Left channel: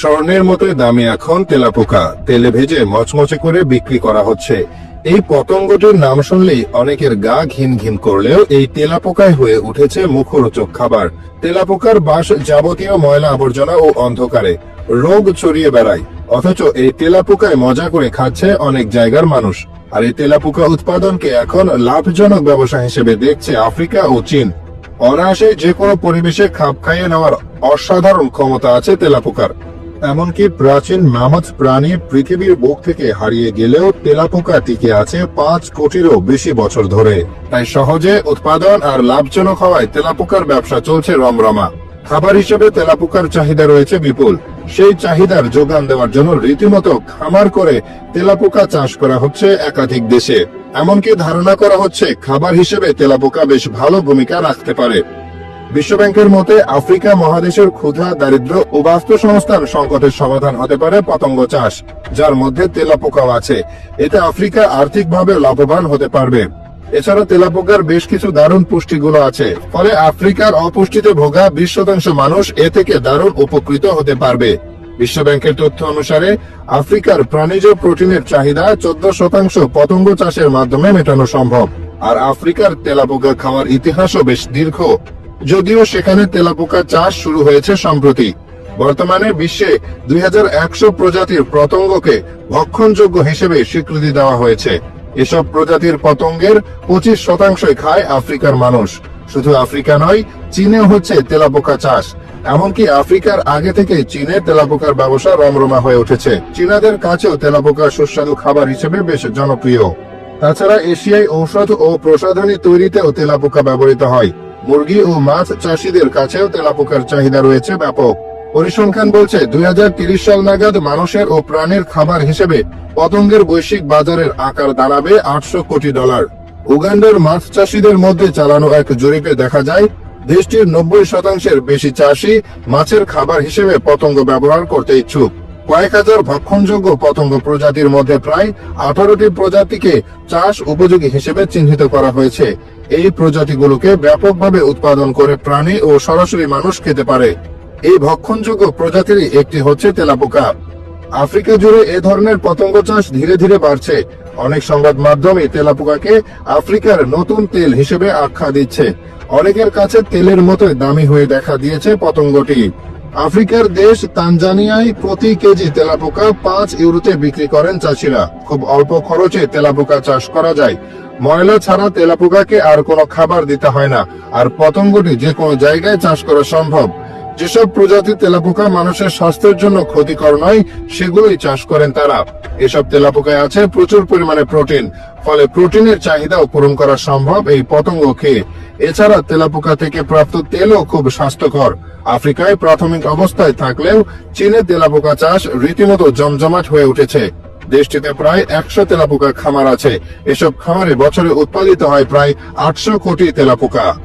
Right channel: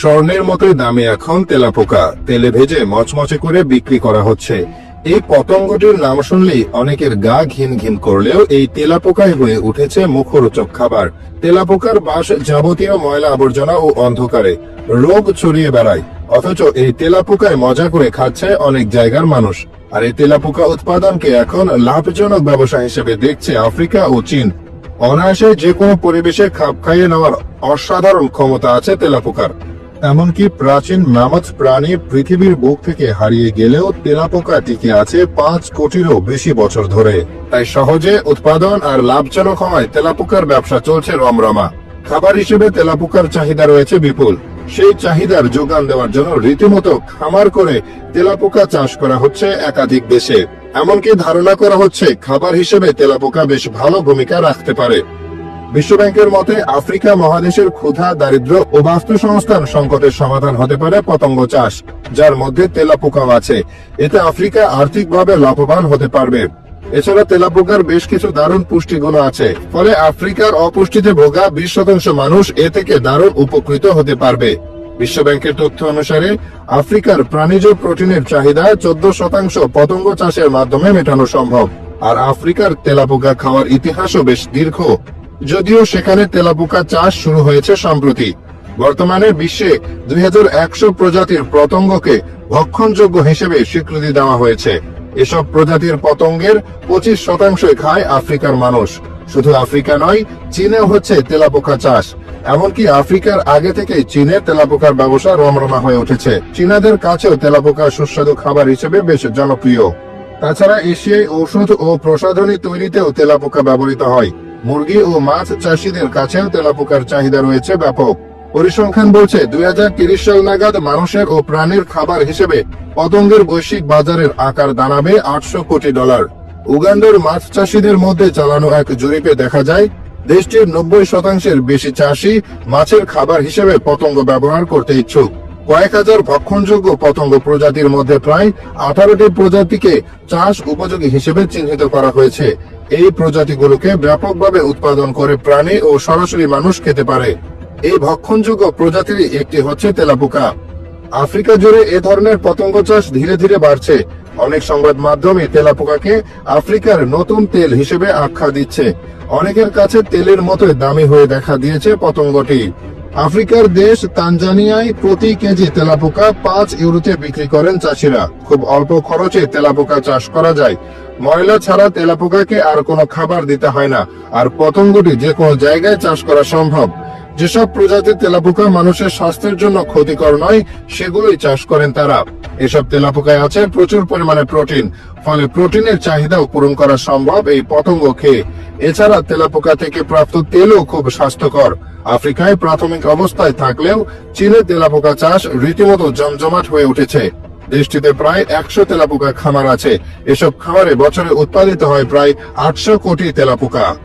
স্বর্ণের মতো দামে এখন তেলাপোকা। তেলে ভেজে মচমচে করে বিক্রি করা হচ্ছে। এই পতঙ্গটির নাম শুনলেই অনেকের গা ঘিন ঘিন করলেও এই তেলাপোকায় হয়ে উঠেছে মুখরোচক খাবার। তেলাপোকার বাস যাবতীয় ময়লা আবর্জনা ও অন্ধকারে রোগ ছড়িয়ে বেড়ায়। অথচ এই তেলাপোকায় মজা করে খাচ্ছে অনেক জায়গার মানুষ। আর এই তেলাপোকা উৎপাদনকে এখন লাভজনক ব্যবসা হিসেবে দেখছে আফ্রিকা ও চীন। অনায়াসে যে কোনো পরিবেশে খাপ খাইয়ে নেওয়ার অসাধারণ ক্ষমতা আছে তেলাপোকার। এমনকি প্রাচীন মামাত প্রাণী পৃথিবীর বুক থেকে হারিয়ে গেলেও তেলাপোকা টিকে আছে পাঁচ কোটিরও বেশি বছর ধরে। তাই সহজে উৎপাদন আর লাভজনক হওয়ায় তেলাপোকার ব্যবসা চলছে রমরমা। খাবার হিসেবে তেলাপোকার চাহিদা রয়েছে বিপুল। সেই চাহিদার যোগান দেওয়ার জন্য রীতিমতো খামার করে তেলাপোকা চাষ করা হচ্ছে একাধিক দেশে। এমনকি ধারণা করা হচ্ছে খাবার হিসেবে তেলাপোকা বেশ ভালো ভূমিকা রাখতে পারে। বিশ্বব্যাংকের মতে, আফ্রিকা মহাদেশের ক্ষুধা দারিদ্র ও বাস্তুসংস্থান সংকটের সমাধান হতে পারে পতঙ্গ চাষ, যার মধ্যে তেলাপোকাও আছে। এতে আফ্রিকা আর্থিকভাবে লাভবান হতে পারবে। এছাড়া তেলাপোকার বেশ কিছু দারুণ পুষ্টিগুণ আছে। ফলে আফ্রিকার অপুষ্টিতে ভোগা বিশ শতাংশ মানুষ এ থেকে দারুণ উপকৃত হতে পারবে। বিশ্বব্যাংকের তথ্য অনুসারে, আফ্রিকার প্রাণীজ প্রোটিনের চাহিদা চোদ্দ শতাংশ পতঙ্গ চাষের মাধ্যমে মেটানো সম্ভব। আর আফ্রিকার তেলাপোকা খাওয়ার ইতিহাসও বেশ দীর্ঘ। যদিও সেখানে তেলাপোকা চাষ শুরু হয়েছে সম্প্রতি। বর্তমানে বিশ্বে দুই হাজার একশো প্রজাতির পতঙ্গকে ভক্ষণযোগ্য হিসেবে স্বীকৃতি দেওয়া হয়েছে। এসব প্রজাতির পতঙ্গের পঁচিশ শতাংশই খায় আফ্রিকার মানুষ। শুধু আফ্রিকা নয়, চীনেও হচ্ছে তেলাপোকা চাষ। এমনকি আফ্রিকার আগে থেকেই চীনে তেলাপোকার ব্যবসা রমরমা হয়ে উঠেছে। চীনাদের কাছেও তেলাপোকার সুস্বাদু খাবার হিসেবে বেশ জনপ্রিয়। তাছাড়া এশিয়ায় ঔষধ ও প্রসাধনী তৈরিতেও তেলাপোকা ব্যবহৃত হয়। মুরগি ও মাছ চাষিদের কাছেও তেলাপোকার চাহিদা রয়েছে ব্যাপক। পরিসংখ্যান বলছে, দুই সাল নাগাদ মানুষের ও প্রাণীর খাবার হিসেবে পতঙ্গের বৈশ্বিক বাজারের আকার দাঁড়াবে আটশো কোটি ডলার। উগান্ডার মাছ চাষিদের মধ্যে চালানো এক জরিপে দেখা যায়, দেশটির নব্বই শতাংশের বেশি চাষি মাছের খাবার হিসেবে পতঙ্গ ব্যবহার করতে ইচ্ছুক। কয়েক হাজার ভক্ষণযোগ্য পতঙ্গ প্রজাতির মধ্যে প্রায় আঠারোটি প্রজাতিকে চাষ উপযোগী হিসেবে চিহ্নিত করা হয়েছে। এই প্রজাতিগুলোকে ব্যাপকভাবে উৎপাদন করে প্রাণী ও সরাসরি মানুষ খেতে পারে। এই ভক্ষণযোগ্য প্রজাতির একটি হচ্ছে তেলাপোকা। আফ্রিকা জুড়ে এ ধরনের পতঙ্গ চাষ ধীরে ধীরে বাড়ছে। অনেক সংবাদ মাধ্যমে তেলাপোকাকে আফ্রিকার নতুন তেল হিসেবে আখ্যা দিচ্ছে। অনেকের কাছে তেলের মতো দামি হয়ে দেখা দিয়েছে পতঙ্গটি। আফ্রিকার দেশ তানজানিয়ায় প্রতি কেজি তেলাপোকা পাঁচ ইউরোতে বিক্রি করেন চাষিরা। খুব অল্প খরচে তেলাপোকা চাষ করা যায়। ময়লা ছাড়া তেলাপোকাকে আর কোনো খাবার দিতে হয় না। আর পতঙ্গটি যে কোনো জায়গায় চাষ করা সম্ভব। যেসব প্রজাতির তেলাপোকা মানুষের স্বাস্থ্যের জন্য ক্ষতিকর নয়, সেগুলোই চাষ করেন তারা। এসব তেলাপোকায় আছে। প্রচুর পরিমাণে প্রোটিন। ফলে প্রোটিনের চাহিদাও পূরণ করা সম্ভব এই পতঙ্গ খেয়ে। এছাড়া তেলাপোকা থেকে প্রাপ্ত তেলও খুব স্বাস্থ্যকর। আফ্রিকায় প্রাথমিক অবস্থায় থাকলেও চীনে তেলাপোকা চাষ রীতিমতো জমজমাট হয়ে উঠেছে। দেশটিতে প্রায় একশো তেলাপোকা খামার আছে। এসব খামারে বছরে উৎপাদিত হয় প্রায় আটশো কোটি তেলাপোকা।